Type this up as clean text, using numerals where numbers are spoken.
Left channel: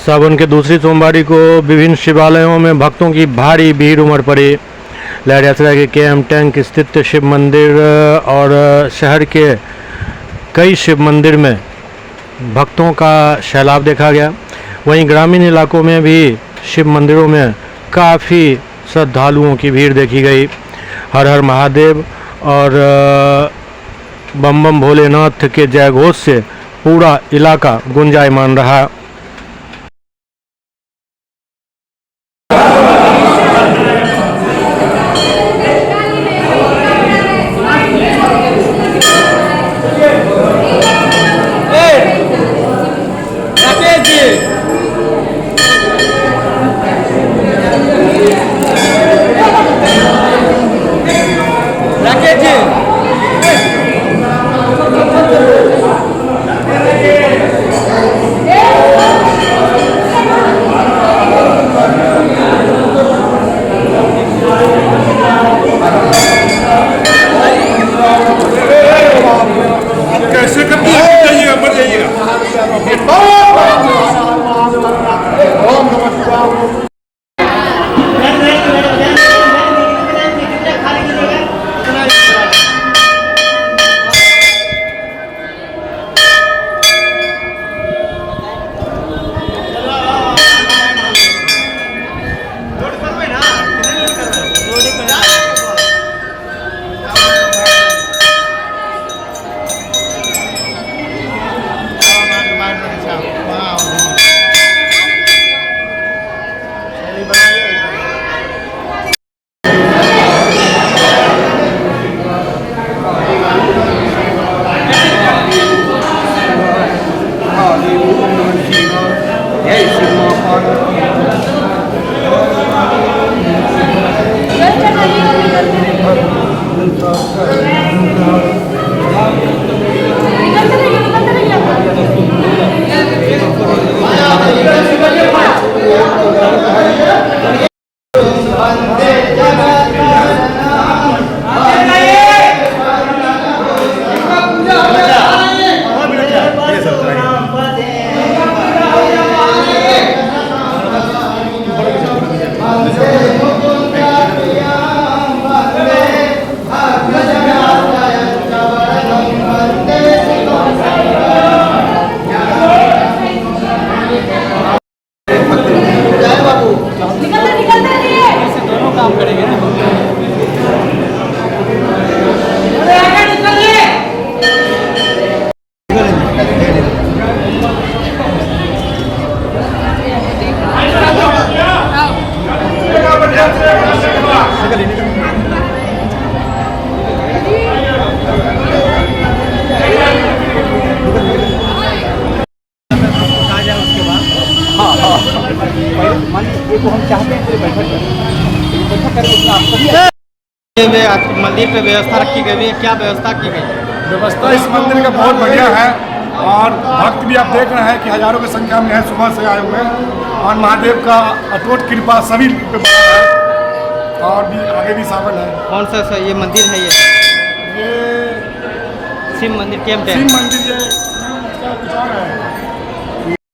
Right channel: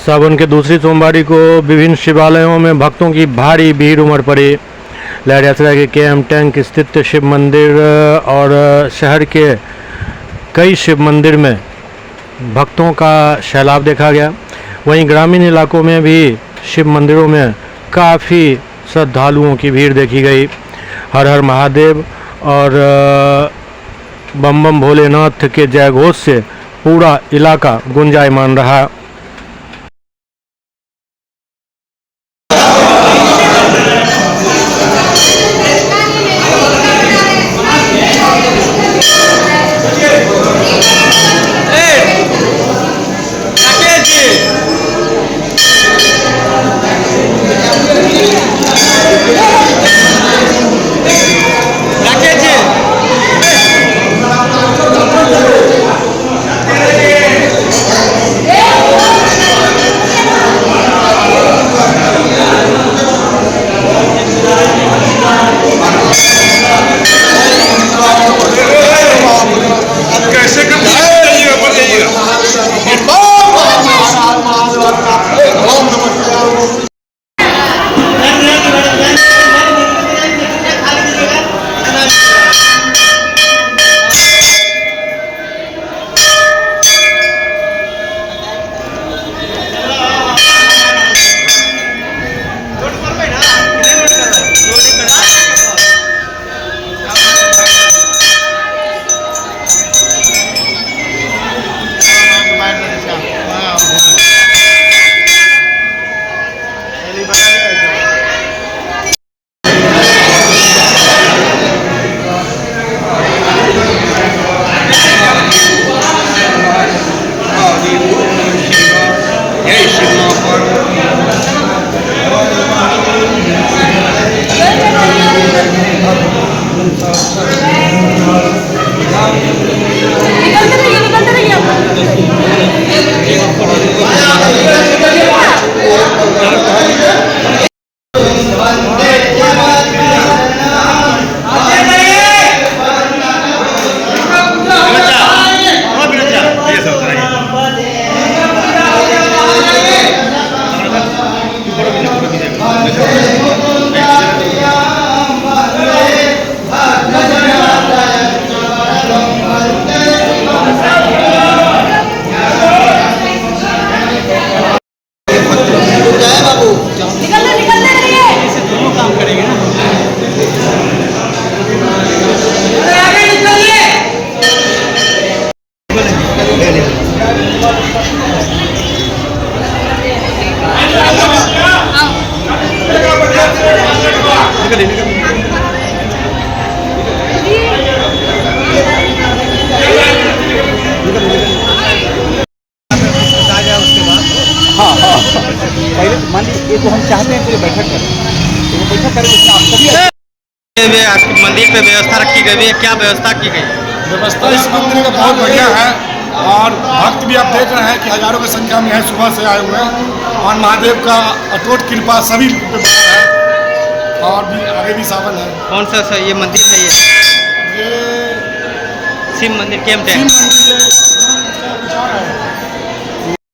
सावन के दूसरी सोमवारी को विभिन्न शिवालयों में भक्तों की भारी भीड़ उमड़ पड़ी। लहर यात्रा के केएम टैंक स्थित शिव मंदिर और शहर के कई शिव मंदिर में भक्तों का सैलाब देखा गया। वहीं ग्रामीण इलाकों में भी शिव मंदिरों में काफ़ी श्रद्धालुओं की भीड़ देखी गई। हर हर महादेव और बम बम भोलेनाथ के जयघोष से पूरा इलाका गुंजायमान रहा। मंदिर पे व्यवस्था रखी गई है, क्या व्यवस्था की गई? व्यवस्था इस मंदिर का बहुत बढ़िया है और भक्त भी आप देख रहे हैं कि हजारों की संख्या में है, सुबह से आए हुए हैं और महादेव का अटूट कृपा सभी पे बना है और भी आगे भी सावन है। कौन सा ये मंदिर है? ये शिव मंदिर, केएम टैंक शिव मंदिर, ये कुछ और है।